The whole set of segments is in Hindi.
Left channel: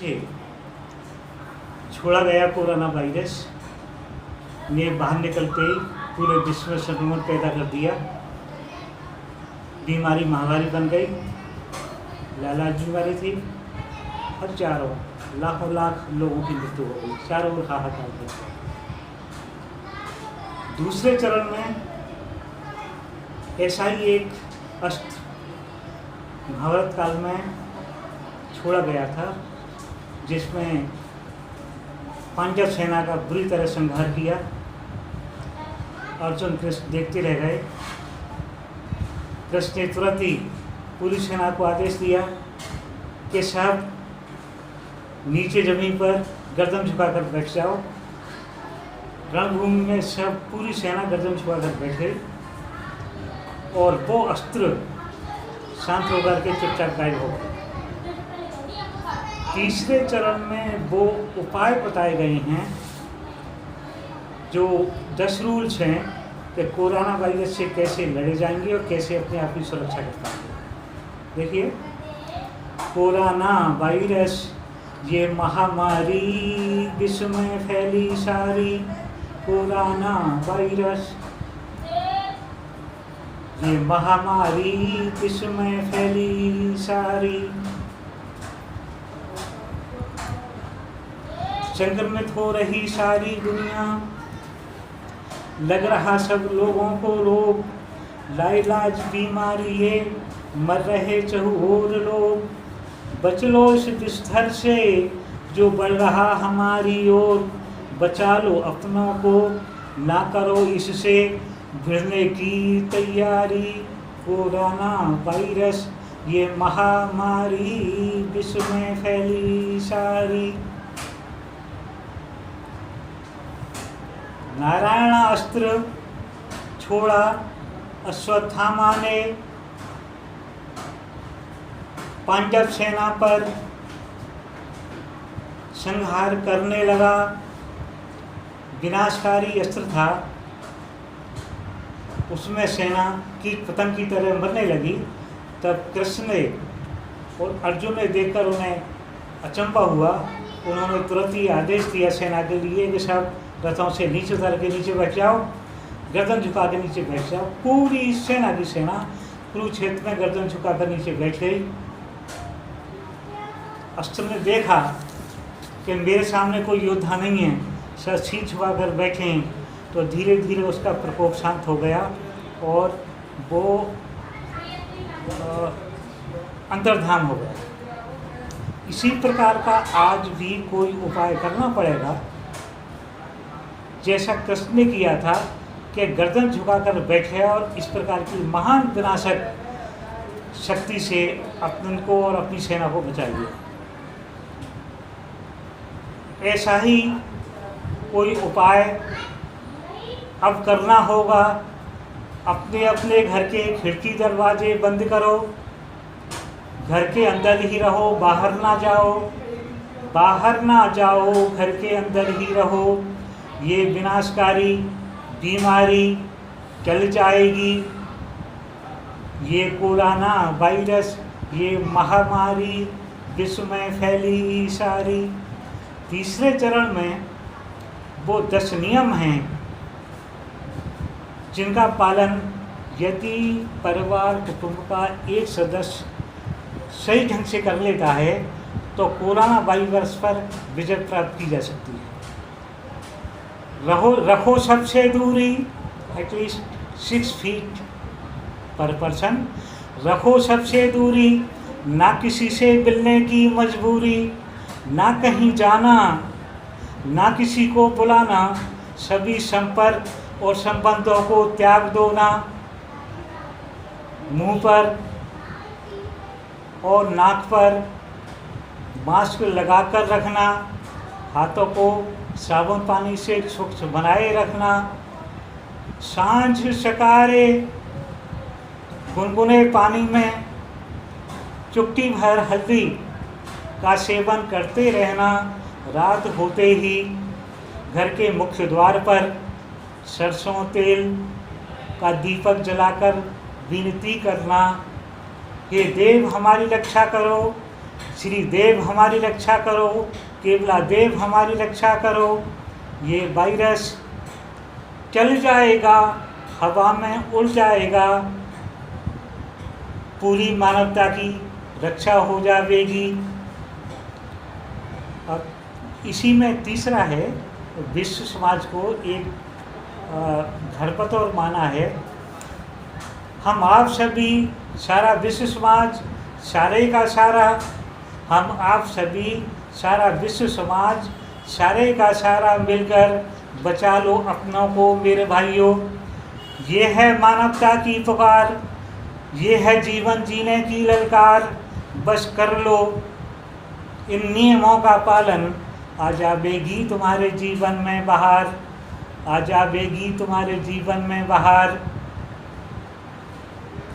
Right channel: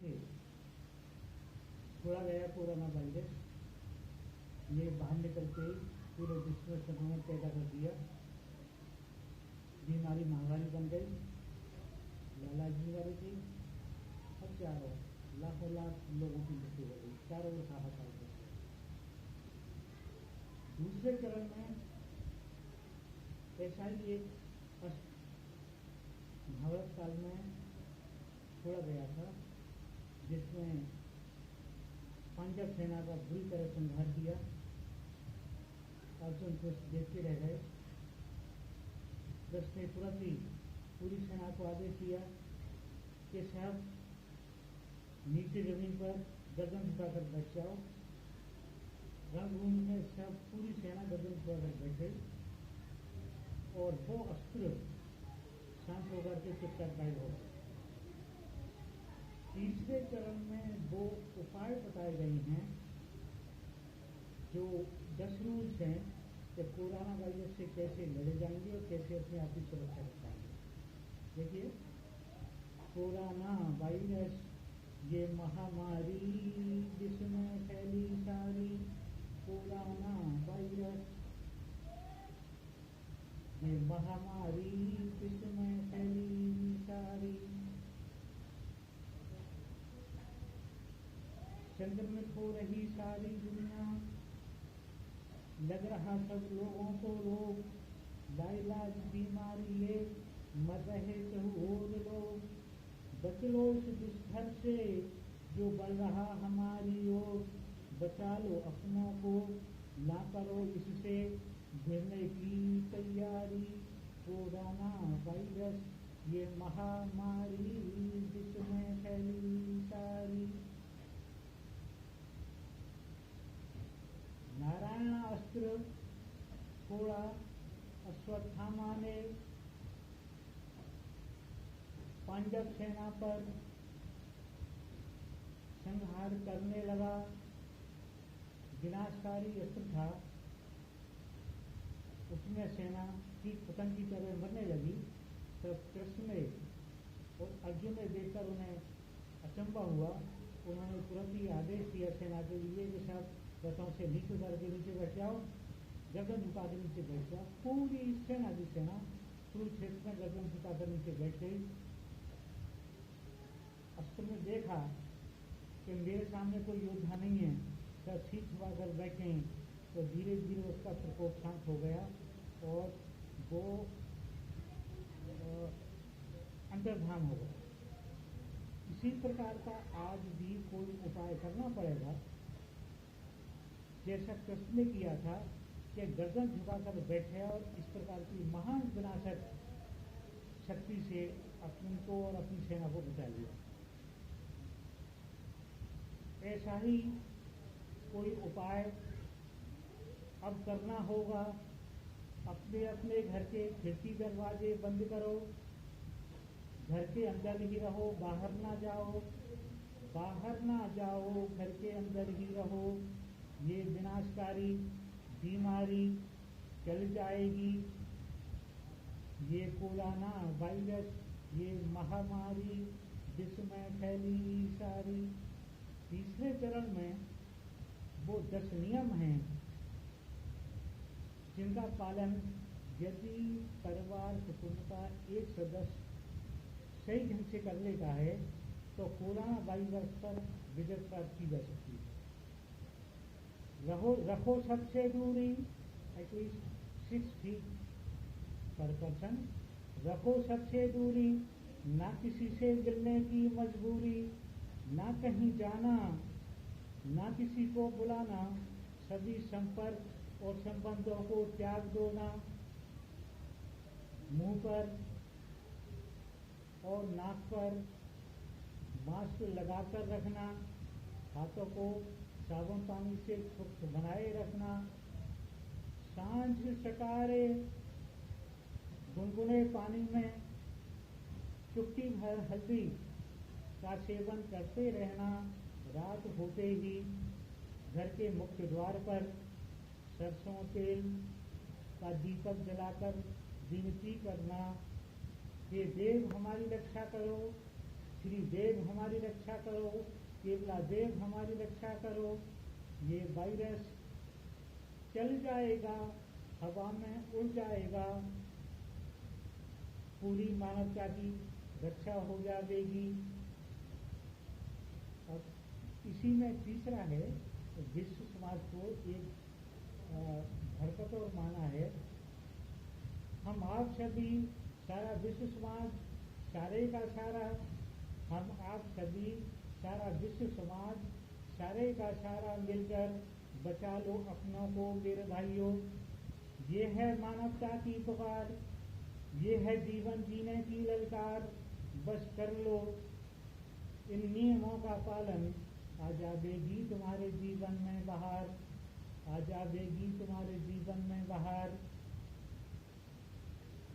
जी, छोड़ा गया कोरोना वायरस ने बाहर निकलते ही पूरे विश्व में संक्रमण पैदा कर दिया। बीमारी महामारी बन गई, लालाज बीमारी थी, हजारों लाखों लाख लोगों की मृत्यु हो गई, चारों ओर हाहाकार हो गया। दूसरे चरण में ऐसा ही एक अस्त्र महाभारत काल में छोड़ा गया था, जिसमें पांडव सेना का बुरी तरह संहार किया। अर्जुन कृष्ण देखते रह गए। कृष्ण ने तुरंत ही पूरी सेना को आदेश दिया कि सब नीचे जमीन पर गर्दन झुकाकर बैठ जाओ। रणभूमि में सब पूरी सेना गर्दन झुकाकर बैठ गई और वो अस्त्र शांत होकर के चुपचाप गायब हो गए। तीसरे चरण में वो उपाय बताए गए हैं, जो 10 रूल्स हैं कि कोरोना वायरस से कैसे लड़े जाएंगे और कैसे अपने आप की सुरक्षा कर पाएंगे। देखिए, कोरोना वायरस ये महामारी विश्व में फैली सारी। कोरोना वायरस ये महामारी विश्व में फैली सारी। संक्रमित हो रही सारी दुनिया, लग रहा सब लोगों को रोग, लाइलाज बीमारी ये, मर रहे चहुओर लोग। बच लो इस बिस्तर से जो बढ़ रहा हमारी ओर, बचा लो अपनों को, ना करो इससे भिड़ने की तैयारी। कोरोना वायरस ये महामारी विश्व में फैली सारी। नारायण अस्त्र छोड़ा अश्वत्थामा ने, पांडव सेना पर संहार करने लगा। विनाशकारी अस्त्र था, उसमें सेना कीट पतंग की तरह मरने लगी। तब कृष्ण ने और अर्जुन ने देखकर उन्हें अचंभा हुआ। उन्होंने तुरंत ही आदेश दिया सेना के लिए कि सब रथों से नीचे उतर के नीचे बैठ जाओ, गर्दन झुका के नीचे बैठ जाओ। पूरी सेना की सेना कुरुक्षेत्र में गर्दन झुका कर नीचे बैठ गई। अस्त्र ने देखा कि मेरे सामने कोई योद्धा नहीं है, सर सीट झुका कर बैठे हैं, तो धीरे धीरे उसका प्रकोप शांत हो गया और वो अंतर्धान हो गया। इसी प्रकार का आज भी कोई उपाय करना पड़ेगा, जैसा कृष्ण ने किया था कि गर्दन झुकाकर बैठे और इस प्रकार की महान विनाशक शक्ति से अपन को और अपनी सेना को बचाइए। ऐसा ही कोई उपाय अब करना होगा। अपने अपने घर के खिड़की दरवाजे बंद करो, घर के अंदर ही रहो, बाहर ना जाओ, बाहर ना जाओ, घर के अंदर ही रहो। ये विनाशकारी बीमारी चल जाएगी। ये कोरोना वायरस ये महामारी विश्व में फैली सारी। तीसरे चरण में वो 10 नियम हैं जिनका पालन यदि परिवार कुटुंब का एक सदस्य सही ढंग से कर लेता है तो कोरोना वायरस पर विजय प्राप्त की जा सकती है। रखो सबसे दूरी, एटलीस्ट 6 फीट पर पर्सन। रखो सबसे दूरी, ना किसी से मिलने की मजबूरी, ना कहीं जाना, ना किसी को बुलाना, सभी संपर्क और संबंधों को त्याग दो ना। मुंह पर और नाक पर मास्क लगाकर रखना, हाथों को साबुन पानी से स्वच्छ बनाए रखना। सांझ सकारे गुनगुने पानी में चुटकी भर हल्दी का सेवन करते रहना। रात होते ही घर के मुख्य द्वार पर सरसों तेल का दीपक जलाकर विनती करना, हे देव हमारी रक्षा करो, श्री देव हमारी रक्षा करो, केवला देव हमारी रक्षा करो। ये वायरस चल जाएगा, हवा में उड़ जाएगा, पूरी मानवता की रक्षा हो जाएगी। और इसी में तीसरा है, विश्व समाज को एक धरपतोर माना है। हम आप सभी, सारा विश्व समाज, सारे का सारा, हम आप सभी, सारा विश्व समाज, सारे का सारा मिलकर बचा लो अपनों को मेरे भाइयों। ये है मानवता की पुकार, ये है जीवन जीने की ललकार। बस कर लो इन नियमों का पालन, आ जाएगी तुम्हारे जीवन में बहार, आ जाएगी तुम्हारे जीवन में बहार।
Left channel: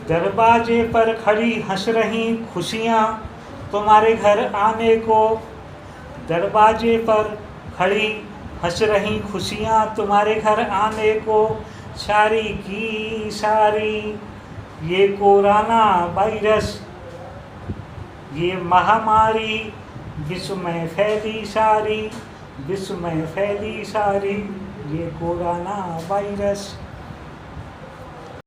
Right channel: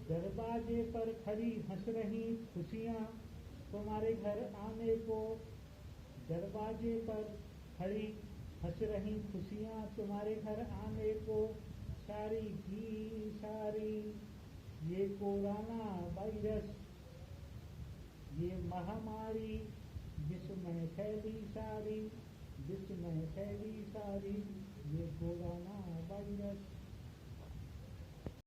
दरवाजे पर खड़ी हंस रही खुशियाँ तुम्हारे घर आने को, दरवाजे पर खड़ी हंस रही खुशियाँ तुम्हारे घर आने को। सारी की सारी ये कोरोना वायरस, ये महामारी विश्व में फैली सारी, विश्व में फैली सारी, ये कोरोना वायरस।